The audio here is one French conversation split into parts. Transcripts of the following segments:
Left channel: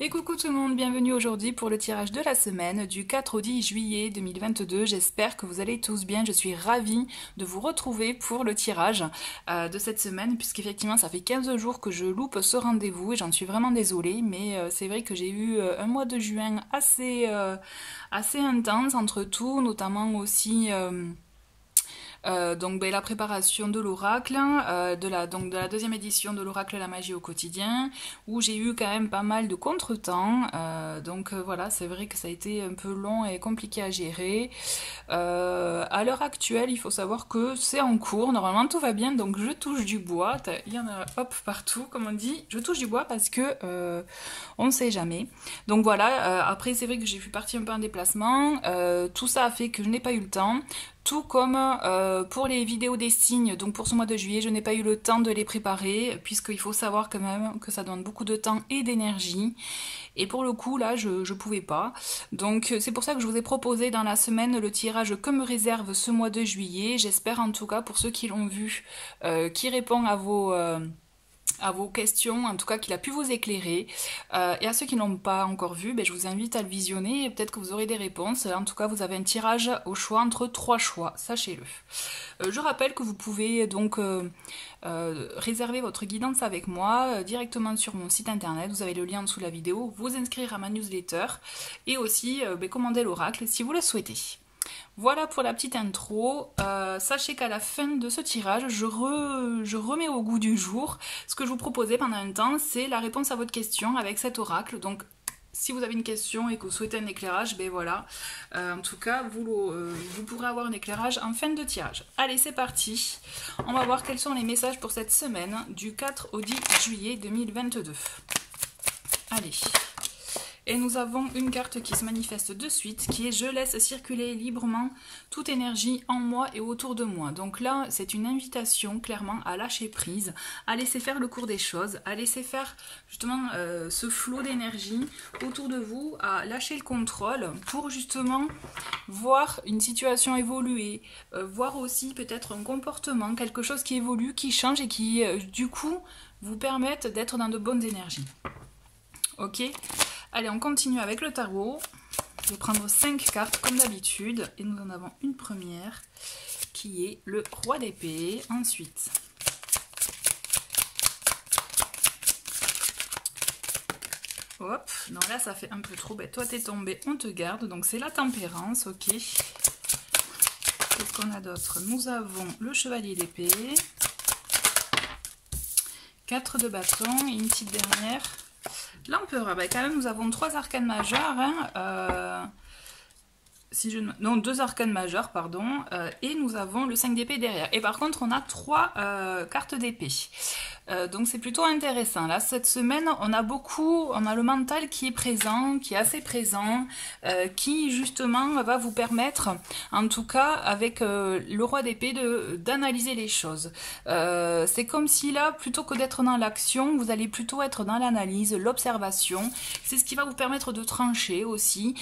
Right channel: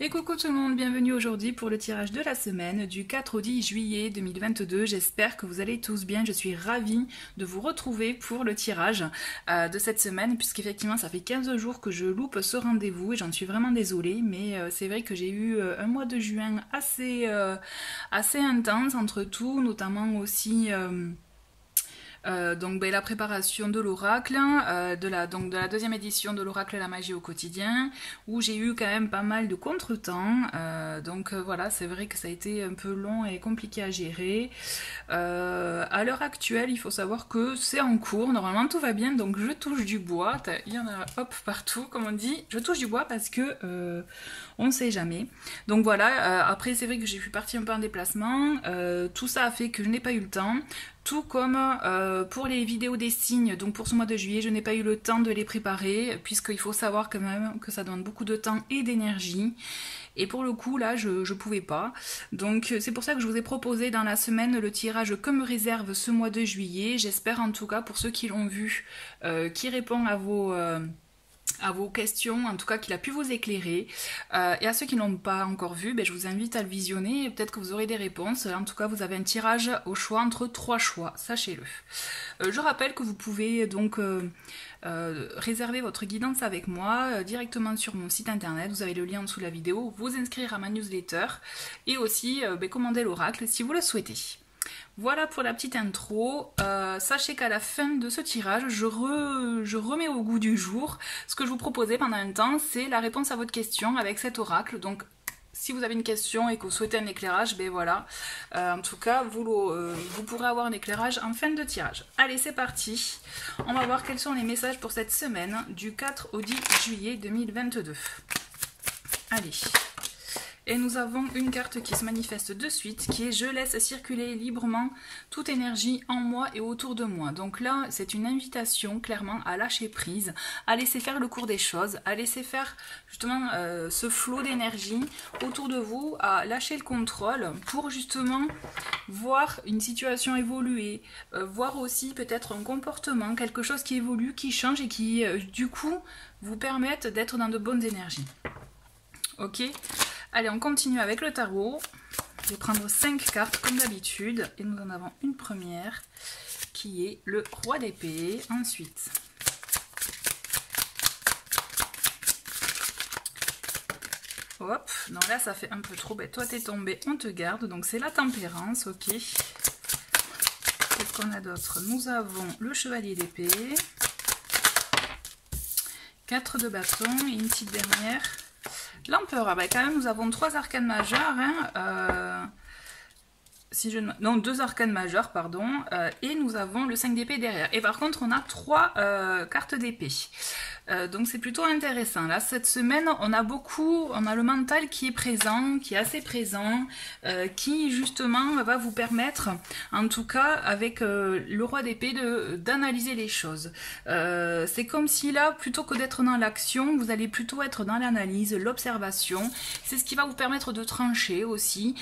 Et coucou tout le monde, bienvenue aujourd'hui pour le tirage de la semaine du 4 au 10 juillet 2022. J'espère que vous allez tous bien, je suis ravie de vous retrouver pour le tirage de cette semaine puisqu'effectivement ça fait 15 jours que je loupe ce rendez-vous et j'en suis vraiment désolée, mais c'est vrai que j'ai eu un mois de juin assez intense entre tout, notamment aussi... la préparation de l'oracle, de la deuxième édition de l'oracle La Magie au quotidien, où j'ai eu quand même pas mal de contretemps. Voilà, c'est vrai que ça a été un peu long et compliqué à gérer. À l'heure actuelle, il faut savoir que c'est en cours, normalement tout va bien, donc je touche du bois. Il y en a hop partout, comme on dit. Je touche du bois parce que on ne sait jamais. Donc voilà, après c'est vrai que j'ai fait partie un peu en déplacement. Tout ça a fait que je n'ai pas eu le temps. Tout comme pour les vidéos des signes, donc pour ce mois de juillet, je n'ai pas eu le temps de les préparer, puisqu'il faut savoir quand même que ça demande beaucoup de temps et d'énergie. Et pour le coup, là, je pouvais pas. Donc c'est pour ça que je vous ai proposé dans la semaine le tirage que me réserve ce mois de juillet. J'espère en tout cas, pour ceux qui l'ont vu, qui répond à vos questions, en tout cas qu'il a pu vous éclairer. Et à ceux qui ne l'ont pas encore vu, je vous invite à le visionner et peut-être que vous aurez des réponses. En tout cas, vous avez un tirage au choix entre 3 choix, sachez-le. Je rappelle que vous pouvez donc réserver votre guidance avec moi directement sur mon site internet. Vous avez le lien en dessous de la vidéo, vous inscrire à ma newsletter et aussi commander l'oracle si vous le souhaitez. Voilà pour la petite intro. Sachez qu'à la fin de ce tirage, je remets au goût du jour ce que je vous proposais pendant un temps, c'est la réponse à votre question avec cet oracle. Donc, si vous avez une question et que vous souhaitez un éclairage, voilà. En tout cas, vous pourrez avoir un éclairage en fin de tirage. Allez, c'est parti. On va voir quels sont les messages pour cette semaine du 4 au 10 juillet 2022. Allez. Et nous avons une carte qui se manifeste de suite, qui est « Je laisse circuler librement toute énergie en moi et autour de moi ». Donc là, c'est une invitation clairement à lâcher prise, à laisser faire le cours des choses, à laisser faire justement ce flot d'énergie autour de vous, à lâcher le contrôle pour justement voir une situation évoluer, voir aussi peut-être un comportement, quelque chose qui évolue, qui change et qui du coup vous permettent d'être dans de bonnes énergies. Ok ? Allez, on continue avec le tarot. Je vais prendre 5 cartes comme d'habitude. Et nous en avons une première qui est le roi d'épée. Ensuite, hop, non là ça fait un peu trop. Toi t'es tombé, on te garde. Donc c'est la tempérance, ok. Qu'est-ce qu'on a d'autre? Nous avons le chevalier d'épée. 4 de bâton et une petite dernière. L'empereur, quand même nous avons 3 arcanes majeures, hein, non 2 arcanes majeures, pardon, et nous avons le 5 d'épée derrière. Et par contre on a 3 cartes d'épée. Donc c'est plutôt intéressant. Là, cette semaine, on a le mental qui est présent, qui est assez présent, qui justement va vous permettre, en tout cas avec le roi d'épée, d'analyser les choses. C'est comme si là, plutôt que d'être dans l'action, vous allez plutôt être dans l'analyse, l'observation. C'est ce qui va vous permettre de trancher aussi,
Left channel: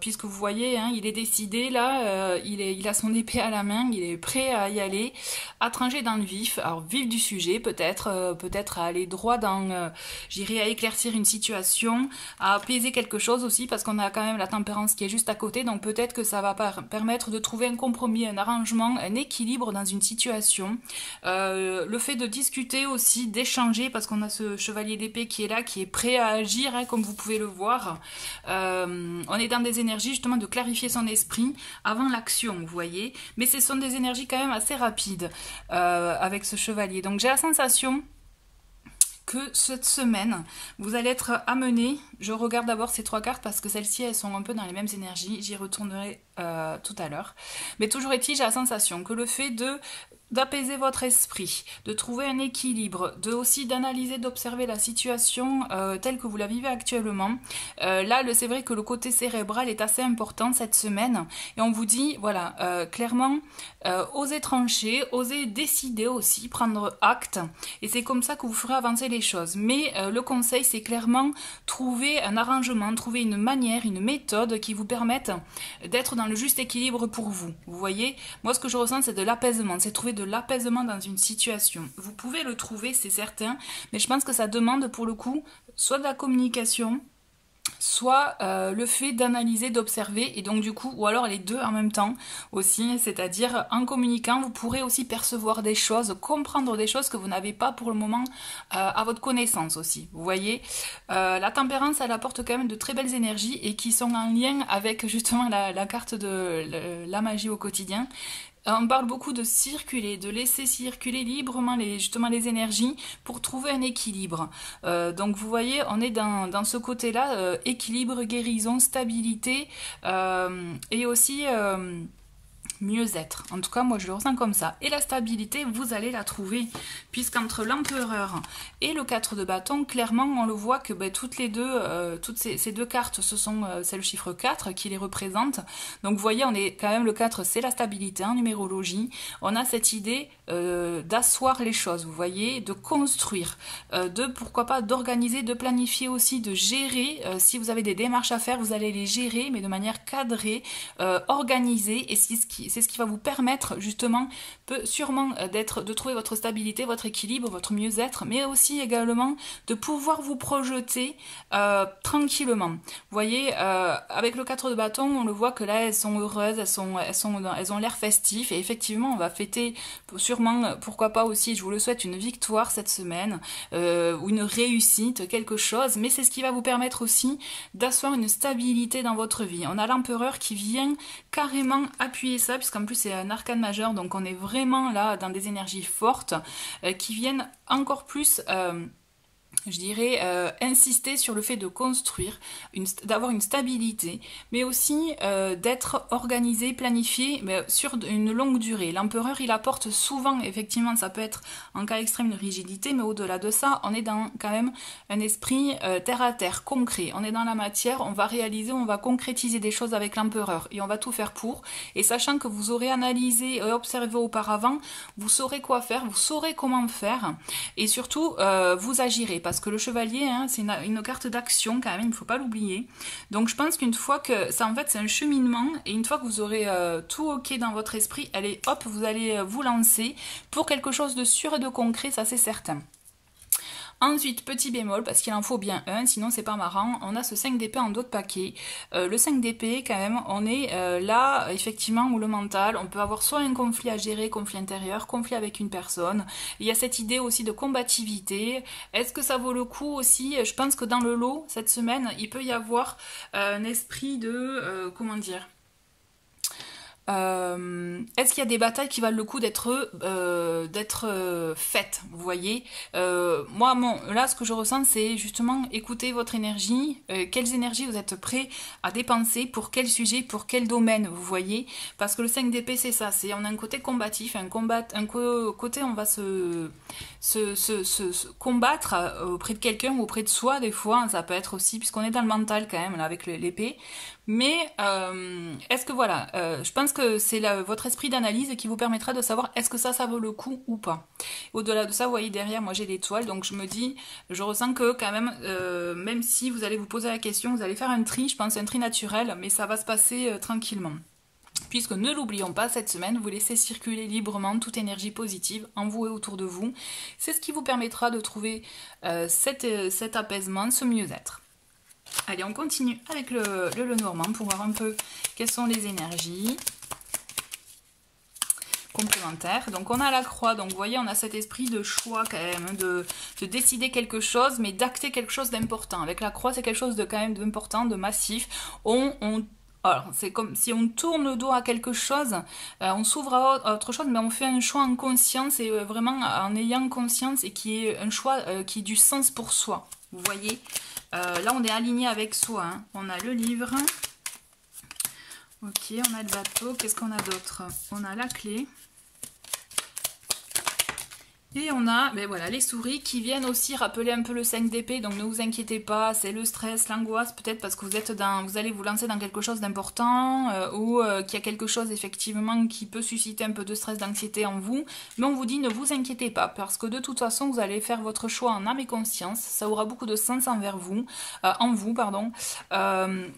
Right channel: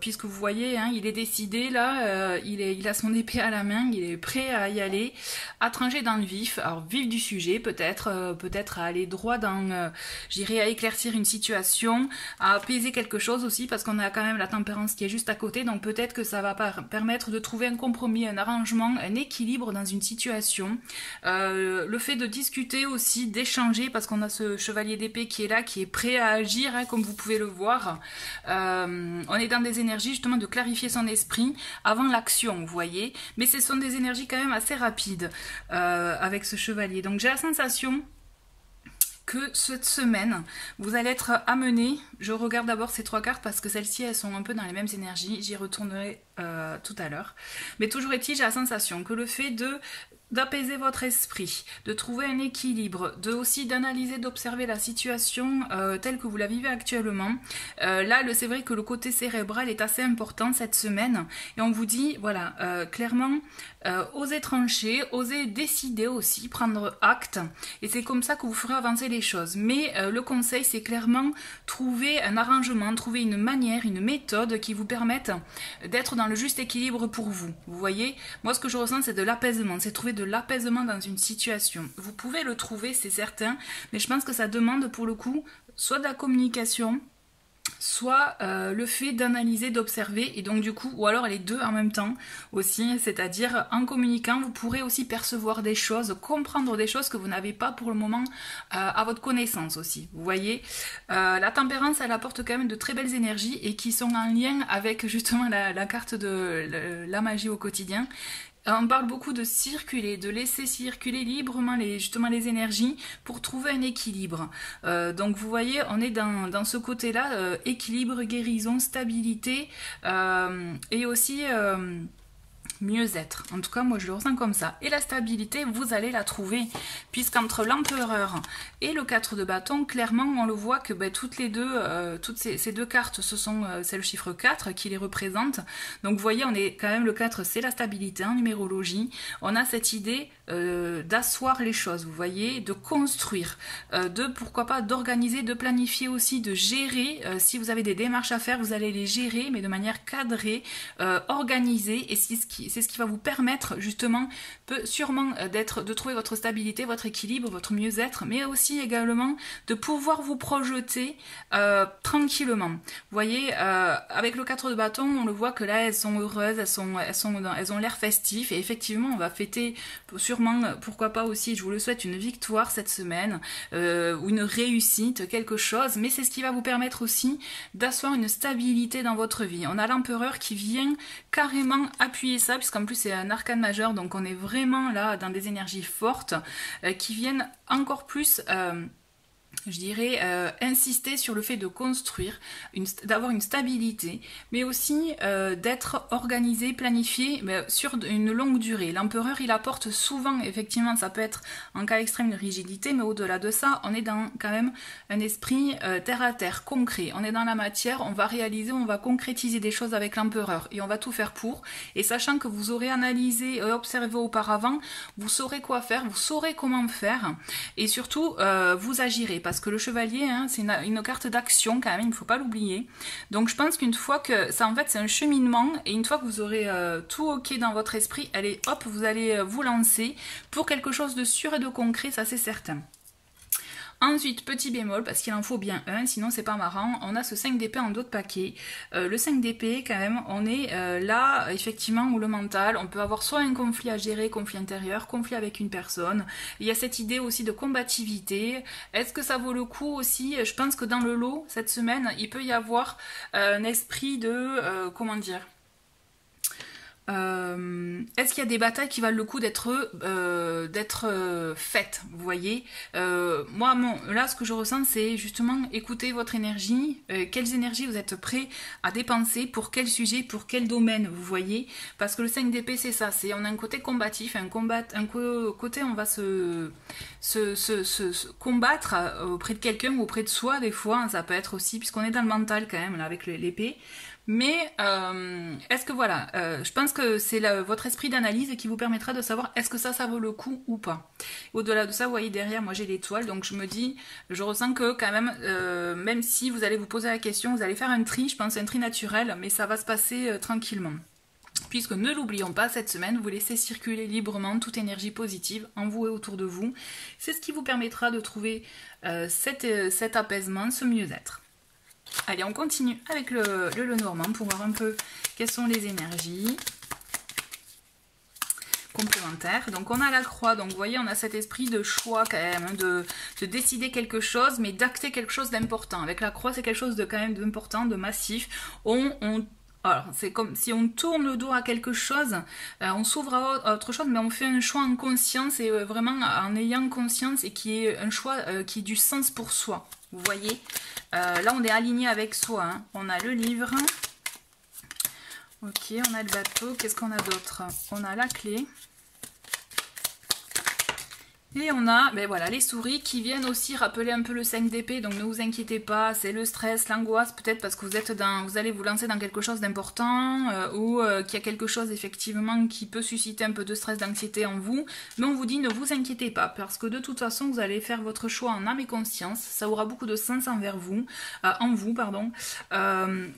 puisque vous voyez, hein, il est décidé là, il a son épée à la main, il est prêt à y aller, à trancher dans le vif, alors vif du sujet, peut-être à aller droit dans, j'irai à éclaircir une situation, à apaiser quelque chose aussi, parce qu'on a quand même la tempérance qui est juste à côté, donc peut-être que ça va permettre de trouver un compromis, un arrangement, un équilibre dans une situation. Le fait de discuter aussi, d'échanger, parce qu'on a ce chevalier d'épée qui est là, qui est prêt à agir, hein, comme vous pouvez le voir. On est dans des énergies justement de clarifier son esprit avant l'action, vous voyez, mais ce sont des énergies quand même assez rapides avec ce chevalier. Donc j'ai la sensation que cette semaine, vous allez être amené, je regarde d'abord ces 3 cartes parce que celles-ci, elles sont un peu dans les mêmes énergies, j'y retournerai tout à l'heure. Mais toujours est-il, j'ai la sensation que le fait d'apaiser votre esprit, de trouver un équilibre, aussi d'analyser, d'observer la situation telle que vous la vivez actuellement. Là, c'est vrai que le côté cérébral est assez important cette semaine. Et on vous dit, voilà, clairement, osez trancher, osez décider aussi, prendre acte. Et c'est comme ça que vous ferez avancer les choses. Mais le conseil, c'est clairement trouver un arrangement, trouver une manière, une méthode qui vous permette d'être dans le juste équilibre pour vous. Vous voyez, moi ce que je ressens, c'est de l'apaisement, c'est trouver de l'apaisement dans une situation. Vous pouvez le trouver, c'est certain, mais je pense que ça demande pour le coup soit de la communication, soit le fait d'analyser, d'observer, et donc du coup, ou alors les deux en même temps aussi, c'est-à-dire en communiquant, vous pourrez aussi percevoir des choses, comprendre des choses que vous n'avez pas pour le moment à votre connaissance aussi. Vous voyez, la tempérance, elle apporte quand même de très belles énergies et qui sont en lien avec justement la carte de la magie au quotidien. On parle beaucoup de circuler, de laisser circuler librement justement les énergies pour trouver un équilibre. Donc vous voyez, on est dans ce côté-là, équilibre, guérison, stabilité et aussi mieux-être. En tout cas, moi je le ressens comme ça. Et la stabilité, vous allez la trouver, puisqu'entre l'empereur et le 4 de bâton, clairement, on le voit que toutes les deux, toutes ces deux cartes, c'est le chiffre 4 qui les représente. Donc vous voyez, on est quand même, le 4, c'est la stabilité en numérologie. On a cette idée d'asseoir les choses, vous voyez, de construire, pourquoi pas d'organiser, de planifier aussi, de gérer. Si vous avez des démarches à faire, vous allez les gérer, mais de manière cadrée, organisée, et c'est ce qui va vous permettre justement, sûrement, de trouver votre stabilité, votre équilibre, votre mieux-être, mais aussi également de pouvoir vous projeter tranquillement. Vous voyez, avec le 4 de bâton, on le voit que là, elles sont heureuses, elles ont l'air festif, et effectivement, on va fêter sûrement, pourquoi pas aussi, je vous le souhaite, une victoire cette semaine, ou une réussite, quelque chose, mais c'est ce qui va vous permettre aussi d'asseoir une stabilité dans votre vie. On a l'empereur qui vient carrément appuyer ça, puisqu'en plus c'est un arcane majeur, donc on est vraiment là dans des énergies fortes qui viennent encore plus je dirais, insister sur le fait de construire, d'avoir une stabilité, mais aussi d'être organisé, planifié sur une longue durée. L'empereur, il apporte souvent, effectivement, ça peut être en cas extrême une rigidité, mais au-delà de ça, on est dans quand même un esprit terre à terre, concret. On est dans la matière, on va réaliser, on va concrétiser des choses avec l'empereur, et on va tout faire pour. Et sachant que vous aurez analysé et observé auparavant, vous saurez quoi faire, vous saurez comment faire, et surtout, vous agirez. Parce que le chevalier, hein, c'est une carte d'action quand même, il ne faut pas l'oublier. Donc je pense qu'une fois que ça, en fait, c'est un cheminement, et une fois que vous aurez tout ok dans votre esprit, allez, hop, vous allez vous lancer pour quelque chose de sûr et de concret, ça c'est certain. Ensuite, petit bémol, parce qu'il en faut bien un, sinon c'est pas marrant, on a ce 5 d'épée en dos de paquet. Le 5 d'épée, quand même, on est là, effectivement, où le mental, on peut avoir soit un conflit à gérer, conflit intérieur, conflit avec une personne. Il y a cette idée aussi de combativité. Est-ce que ça vaut le coup aussi? Je pense que dans le lot, cette semaine, il peut y avoir un esprit de, comment dire, est-ce qu'il y a des batailles qui valent le coup d'être faites, vous voyez? Moi, là, ce que je ressens, c'est justement écouter votre énergie, quelles énergies vous êtes prêts à dépenser, pour quel sujet, pour quel domaine, vous voyez? Parce que le 5 d'épée, c'est ça, on a un côté combatif, côté on va se combattre auprès de quelqu'un ou auprès de soi, des fois, ça peut être aussi, puisqu'on est dans le mental quand même, là, avec l'épée. Mais est-ce que voilà, je pense que c'est votre esprit d'analyse qui vous permettra de savoir est-ce que ça vaut le coup ou pas. Au-delà de ça, vous voyez derrière, moi j'ai l'étoile, donc je me dis, je ressens que quand même, même si vous allez vous poser la question, vous allez faire un tri, je pense un tri naturel, mais ça va se passer tranquillement. Puisque ne l'oublions pas, cette semaine, vous laissez circuler librement toute énergie positive en vous et autour de vous. C'est ce qui vous permettra de trouver cet apaisement, ce mieux-être. Allez, on continue avec le Lenormand pour voir un peu quelles sont les énergies complémentaires. Donc on a la croix, donc vous voyez, on a cet esprit de choix quand même, hein, de décider quelque chose, mais d'acter quelque chose d'important. Avec la croix, c'est quelque chose de quand même d'important, de massif. Alors, c'est comme si on tourne le dos à quelque chose, on s'ouvre à autre chose, mais on fait un choix en conscience et vraiment en ayant conscience, et qui est un choix qui a du sens pour soi. Vous voyez, là on est aligné avec soi, hein. On a le livre, ok, on a le bateau, qu'est-ce qu'on a d'autre? On a la clé. Et on a voilà, les souris qui viennent aussi rappeler un peu le 5 d'épée, donc ne vous inquiétez pas, c'est le stress, l'angoisse, peut-être parce que vous allez vous lancer dans quelque chose d'important ou qu'il y a quelque chose effectivement qui peut susciter un peu de stress, d'anxiété en vous, mais on vous dit ne vous inquiétez pas, parce que de toute façon vous allez faire votre choix en âme et conscience, ça aura beaucoup de sens envers vous,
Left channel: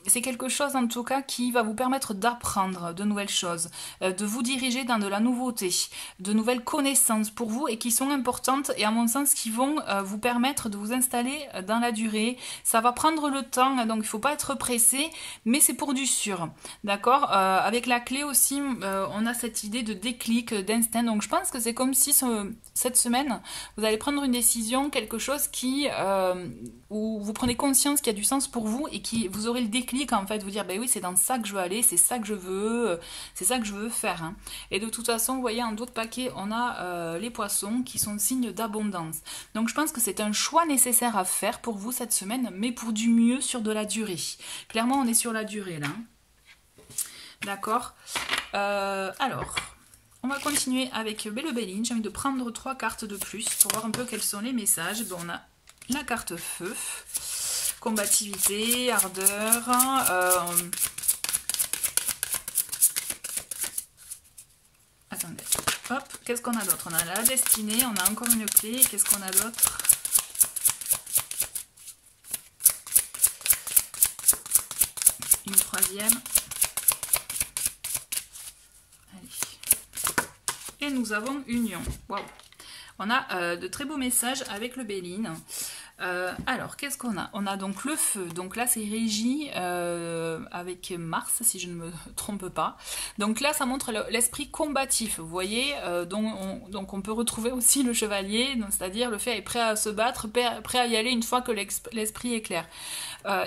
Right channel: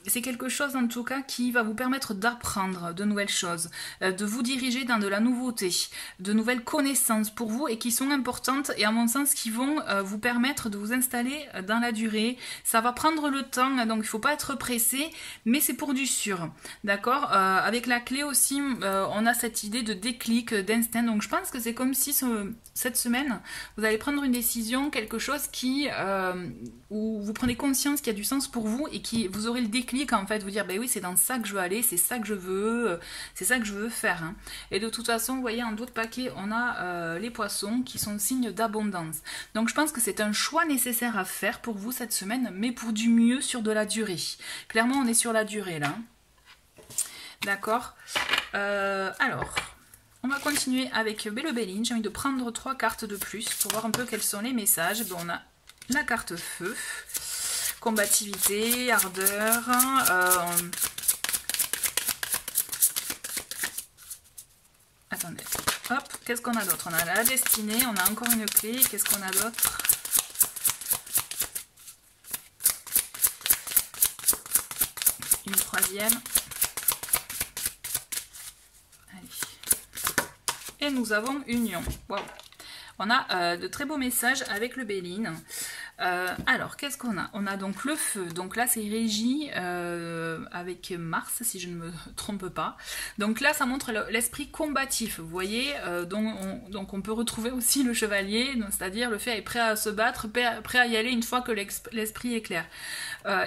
c'est quelque chose en tout cas qui va vous permettre d'apprendre de nouvelles choses, de vous diriger dans de la nouveauté, de nouvelles connaissances pour vous et qui sont sont importantes et à mon sens qui vont vous permettre de vous installer dans la durée. Ça va prendre le temps, donc il ne faut pas être pressé, mais c'est pour du sûr. D'accord, avec la clé aussi, on a cette idée de déclic, d'instinct. Donc je pense que c'est comme si cette semaine, vous allez prendre une décision, quelque chose où vous prenez conscience qu'il y a du sens pour vous et qui vous aurez le déclic en fait, vous dire ben oui, c'est dans ça que je veux aller, c'est ça que je veux, c'est ça que je veux faire. Hein. Et de toute façon, vous voyez, en d'autres paquets, on a les poissons qui sont signes d'abondance. Donc je pense que c'est un choix nécessaire à faire pour vous cette semaine, mais pour du mieux sur de la durée. Clairement, on est sur la durée là. D'accord. Alors, on va continuer avec le Béline. J'ai envie de prendre 3 cartes de plus pour voir un peu quels sont les messages. Bon, on a la carte feu, combativité, ardeur. Attendez, hop, qu'est-ce qu'on a d'autre? On a la destinée, on a encore une clé. Qu'est-ce qu'on a d'autre? Une troisième. Et nous avons union. Wow. On a de très beaux messages avec le Béline. Alors, qu'est-ce qu'on a? On a donc le feu. Donc là, c'est régi avec Mars, si je ne me trompe pas. Donc là, ça montre l'esprit combatif. Vous voyez, donc on peut retrouver aussi le chevalier, c'est-à-dire le fait d'être prêt à se battre, prêt à y aller une fois que l'esprit est clair.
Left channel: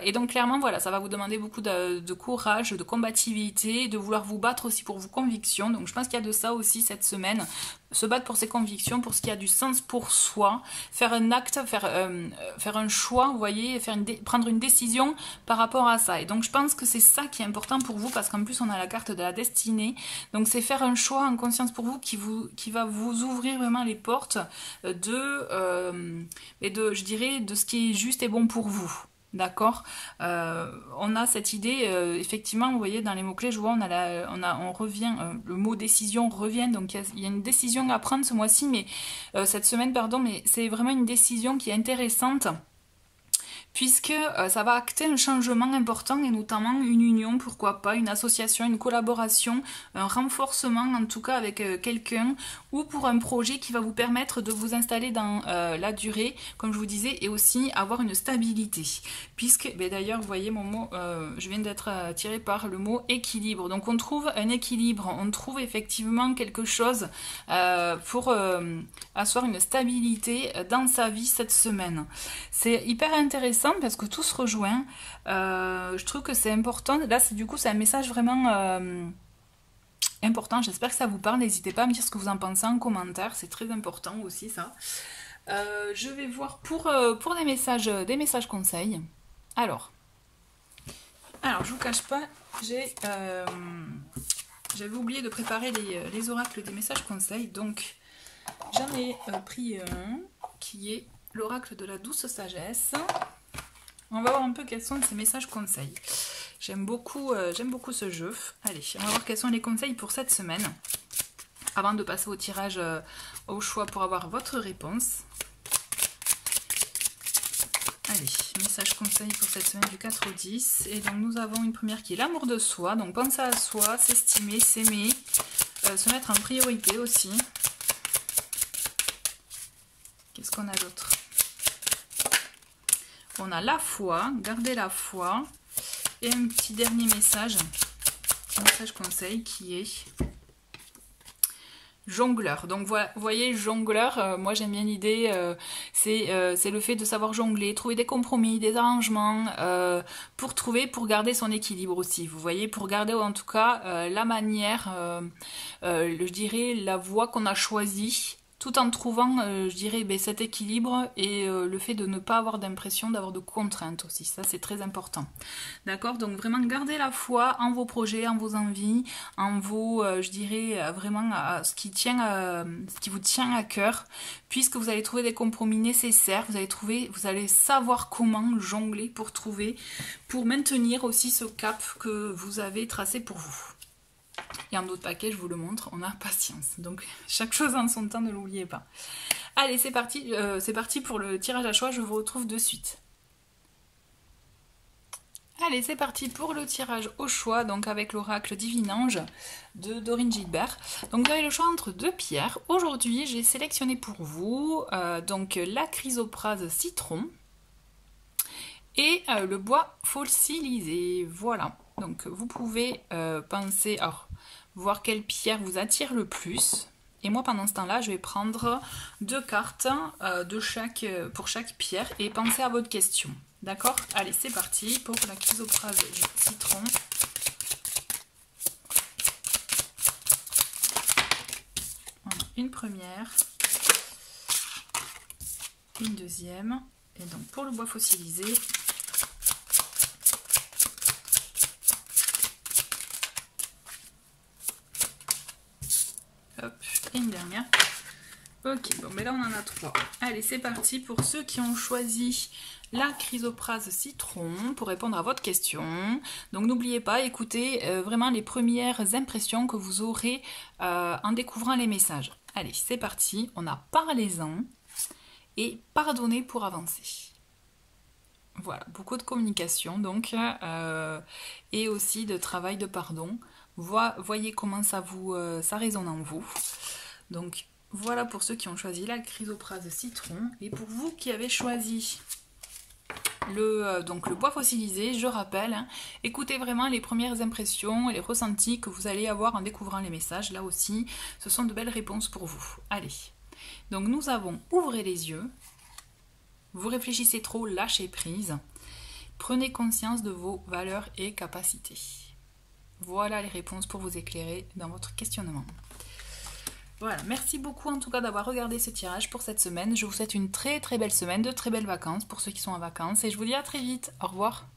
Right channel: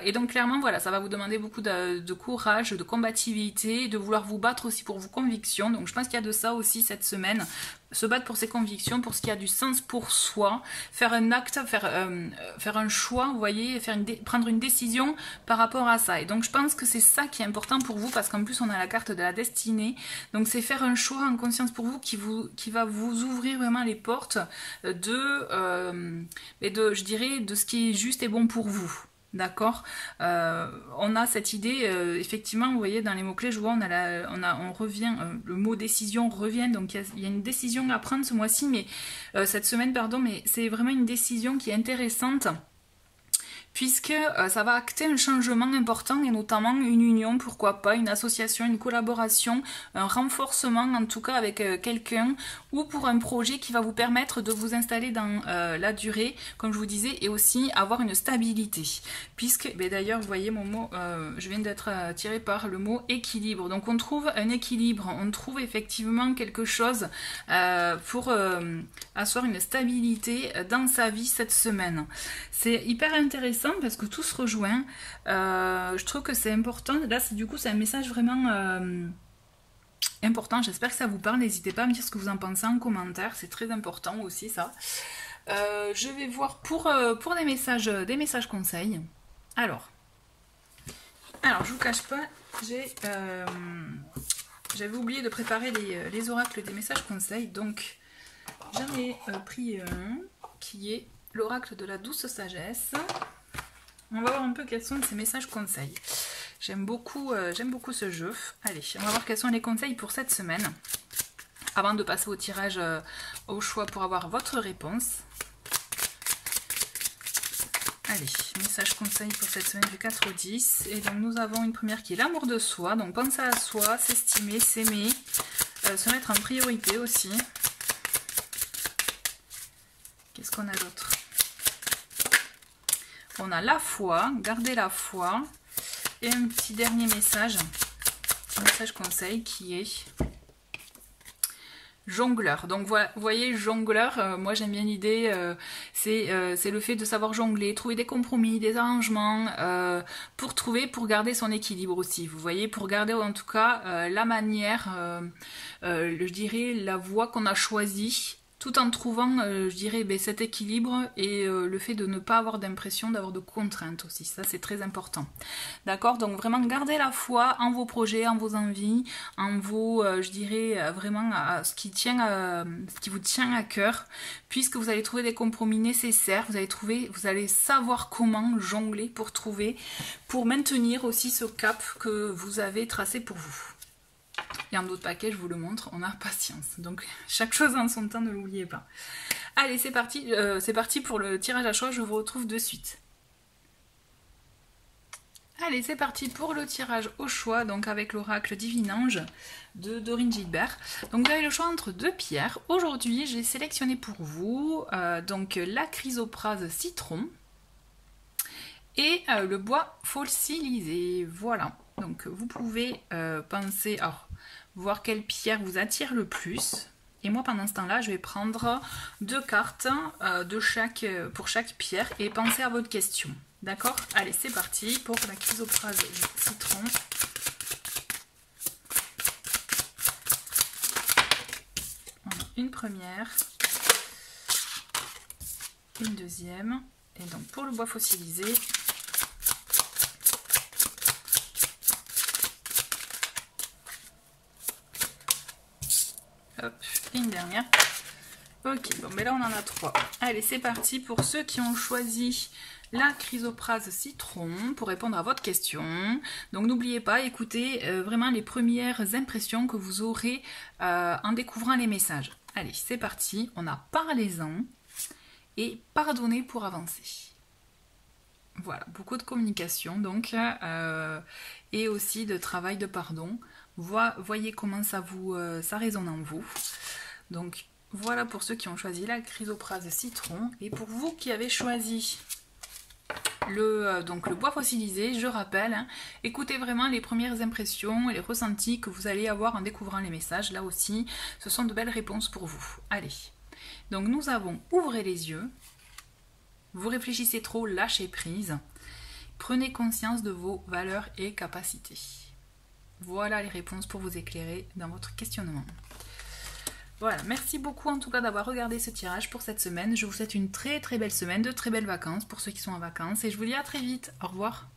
Et donc clairement, voilà, ça va vous demander beaucoup de courage, de combativité, de vouloir vous battre aussi pour vos convictions. Donc je pense qu'il y a de ça aussi cette semaine. Se battre pour ses convictions, pour ce qui a du sens pour soi, faire un acte, faire un choix, vous voyez, prendre une décision par rapport à ça. Et donc je pense que c'est ça qui est important pour vous, parce qu'en plus on a la carte de la destinée. Donc c'est faire un choix en conscience pour vous qui va vous ouvrir vraiment les portes je dirais, de ce qui est juste et bon pour vous. D'accord, on a cette idée, effectivement, vous voyez, dans les mots-clés, je vois, on revient, le mot décision revient, donc il y a une décision à prendre ce mois-ci, mais cette semaine, pardon, mais c'est vraiment une décision qui est intéressante, puisque ça va acter un changement important et notamment une union, pourquoi pas, une association, une collaboration, un renforcement en tout cas avec quelqu'un ou pour un projet qui va vous permettre de vous installer dans la durée, comme je vous disais, et aussi avoir une stabilité. Puisque, d'ailleurs, vous voyez mon mot, je viens d'être attirée par le mot équilibre. Donc on trouve un équilibre, on trouve effectivement quelque chose pour asseoir une stabilité dans sa vie cette semaine. C'est hyper intéressant parce que tout se rejoint. Je trouve que c'est important. Là, du coup, c'est un message vraiment important. J'espère que ça vous parle. N'hésitez pas à me dire ce que vous en pensez en commentaire. C'est très important aussi, ça. Je vais voir pour des messages conseils. Alors, je vous cache pas, j'avais oublié de préparer les oracles des messages conseils. Donc, j'en ai pris un qui est l'oracle de la douce sagesse. On va voir un peu quels sont ces messages conseils. J'aime beaucoup ce jeu. Allez, on va voir quels sont les conseils pour cette semaine. Avant de passer au tirage au choix pour avoir votre réponse. Allez, message conseil pour cette semaine du 4 au 10. Et donc nous avons une première qui est l'amour de soi. Donc penser à soi, s'estimer, s'aimer, se mettre en priorité aussi. Qu'est-ce qu'on a d'autre? On a la foi, garder la foi. Et un petit dernier message, un message conseil qui est jongleur. Donc vous voyez, jongleur, moi j'aime bien l'idée, c'est le fait de savoir jongler, trouver des compromis, des arrangements, pour garder son équilibre aussi. Vous voyez, pour garder en tout cas la manière, je dirais la voie qu'on a choisie, tout en trouvant, je dirais, cet équilibre et le fait de ne pas avoir d'impression d'avoir de contraintes aussi. Ça, c'est très important. D'accord? Donc, vraiment, gardez la foi en vos projets, en vos envies, en vos, je dirais, vraiment, à ce qui vous tient à cœur, puisque vous allez trouver des compromis nécessaires, vous allez savoir comment jongler pour maintenir aussi ce cap que vous avez tracé pour vous. Et en d'autres paquets, je vous le montre, on a patience. Donc, chaque chose en son temps, ne l'oubliez pas. Allez, c'est parti pour le tirage à choix, je vous retrouve de suite. Allez, c'est parti pour le tirage au choix, donc avec l'oracle Divinange de Dorine Gilbert. Donc vous avez le choix entre deux pierres. Aujourd'hui, j'ai sélectionné pour vous donc la chrysoprase citron et le bois fossilisé. Voilà, donc vous pouvez penser, alors, voir quelle pierre vous attire le plus. Et moi, pendant ce temps-là, je vais prendre deux cartes pour chaque pierre et penser à votre question. D'accord? Allez, c'est parti pour la chrysoprase citron. On a une première, une deuxième, et donc pour le bois fossilisé, hop, et une dernière. Ok, bon, mais là on en a trois. Allez, c'est parti pour ceux qui ont choisi la chrysoprase citron pour répondre à votre question. Donc n'oubliez pas, écoutez vraiment les premières impressions que vous aurez en découvrant les messages. Allez, c'est parti, on a parlez-en et pardonnez pour avancer. Voilà, beaucoup de communication donc et aussi de travail de pardon. Voyez comment ça résonne en vous. Donc voilà pour ceux qui ont choisi la chrysoprase citron. Et pour vous qui avez choisi le bois fossilisé, je rappelle, hein, écoutez vraiment les premières impressions et les ressentis que vous allez avoir en découvrant les messages. Là aussi, ce sont de belles réponses pour vous. Allez, donc nous avons ouvrez les yeux, vous réfléchissez trop, lâchez prise, prenez conscience de vos valeurs et capacités. Voilà les réponses pour vous éclairer dans votre questionnement. Voilà, merci beaucoup en tout cas d'avoir regardé ce tirage pour cette semaine. Je vous souhaite une très très belle semaine, de très belles vacances pour ceux qui sont en vacances et je vous dis à très vite. Au revoir.